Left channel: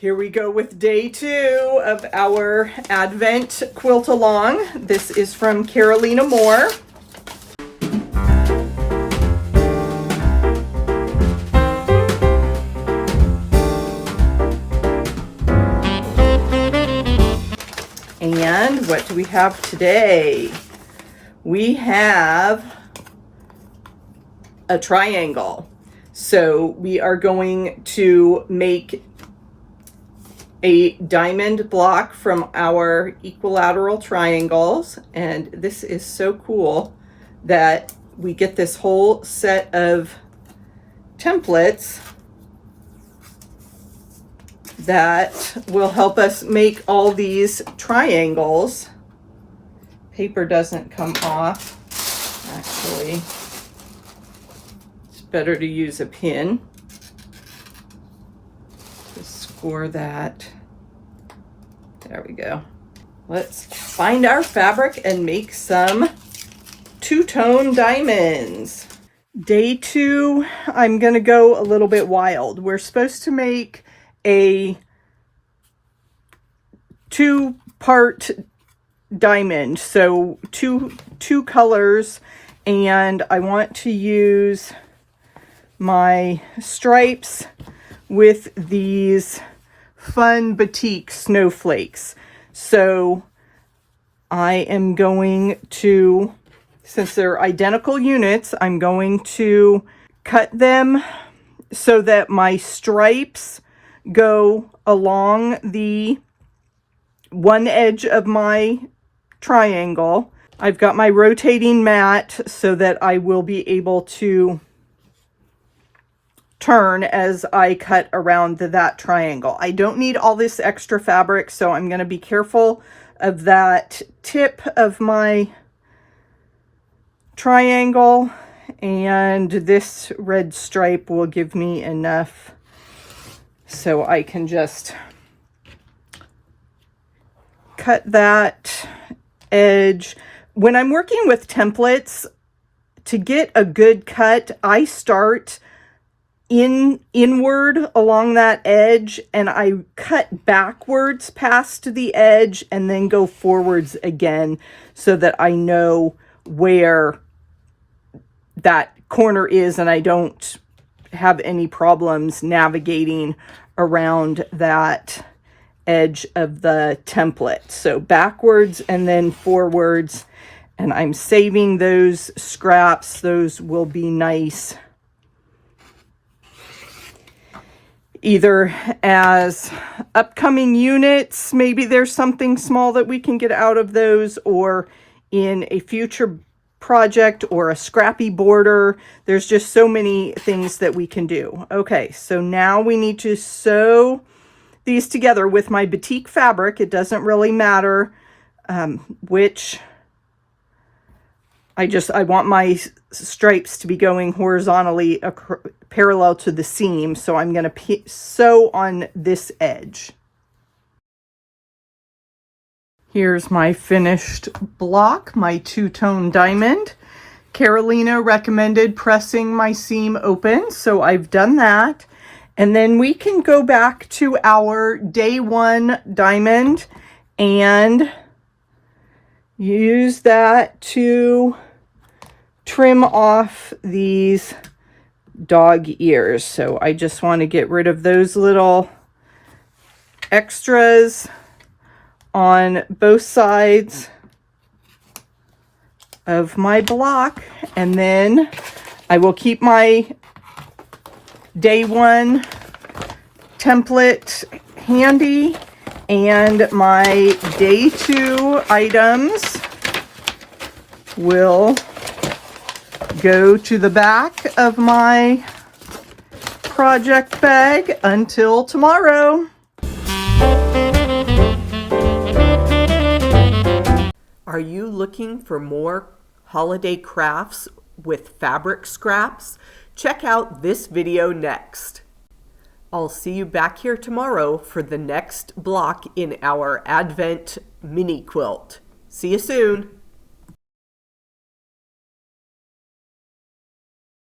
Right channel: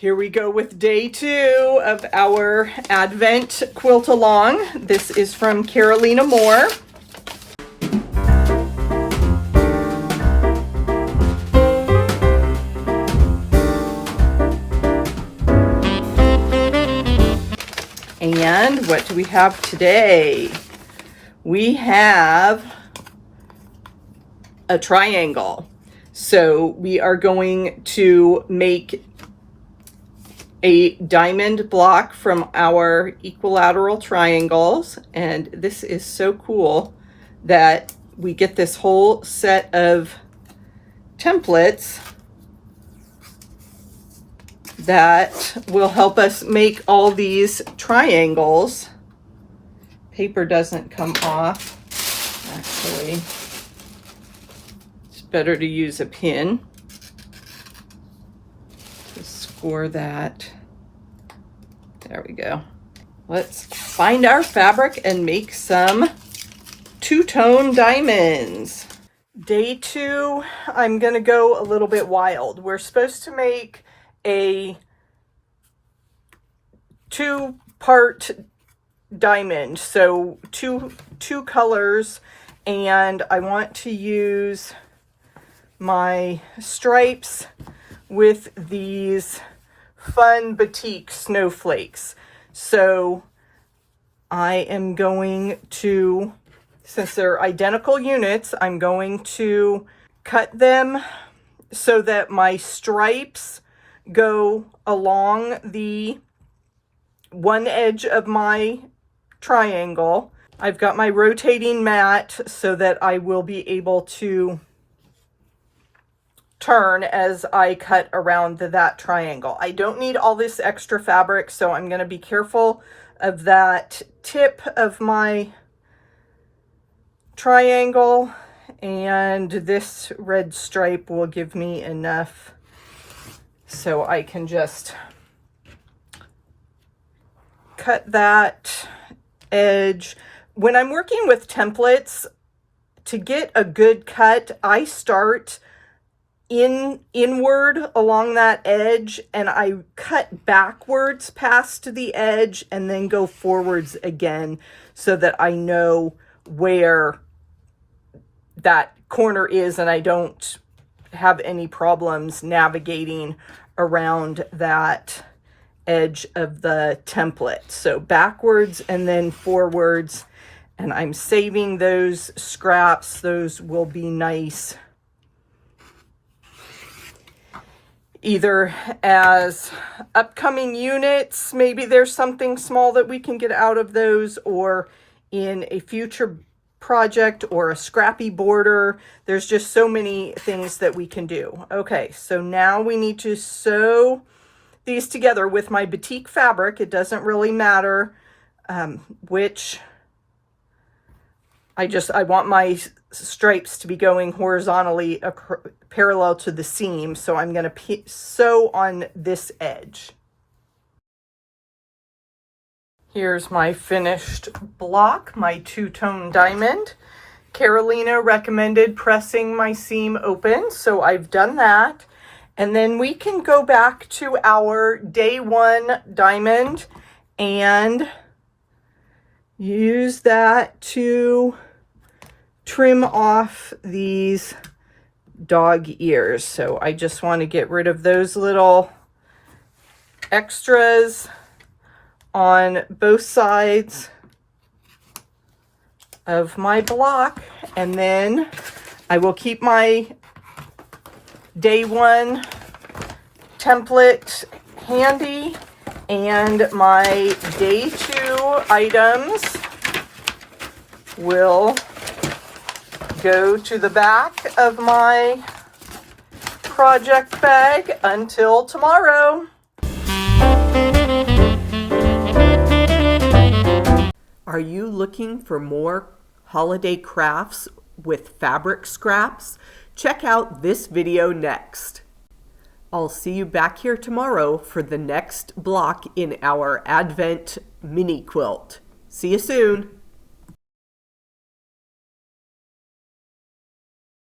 Here we go with day 2 of our Advent Quilt-Along. This is from Carolina Moore. And what do we have today? We have a triangle. So we are going to make a diamond block from our equilateral triangles, and this is so cool that we get this whole set of templates that will help us make all these triangles. Paper doesn't come off, actually. It's better to use a pin to score that. There we go. Let's find our fabric and make some two-tone diamonds. Day 2, I'm gonna go a little bit wild. We're supposed to make a 2-part diamond, so two colors, and I want to use my stripes with these fun batik snowflakes. So I am going to, since they're identical units, I'm going to cut them so that my stripes go along the one edge of my triangle. I've got my rotating mat so that I will be able to turn as I cut around that triangle. I don't need all this extra fabric, so I'm going to be careful of that tip of my triangle, and this red stripe will give me enough so I can just cut that edge. When I'm working with templates, to get a good cut, I start inward along that edge, and I cut backwards past the edge and then go forwards again so that I know where that corner is and I don't have any problems navigating around that edge of the template. So backwards and then forwards, and I'm saving those scraps. Those will be nice either as upcoming units, maybe there's something small that we can get out of those, or in a future project or a scrappy border. There's just so many things that we can do. Okay, so now we need to sew these together with my batik fabric. It doesn't really matter which. I want my stripes to be going horizontally parallel to the seam, so I'm going to sew on this edge. Here's my finished block, my two-tone diamond. Carolina recommended pressing my seam open, so I've done that. And then we can go back to our day 1 diamond and use that to trim off these dog ears. So I just want to get rid of those little extras on both sides of my block, and then I will keep my day 1 template handy, and my day 2 items will go to the back of my project bag until tomorrow. Are you looking for more holiday crafts with fabric scraps? Check out this video next. I'll see you back here tomorrow for the next block in our Advent Mini Quilt. See you soon.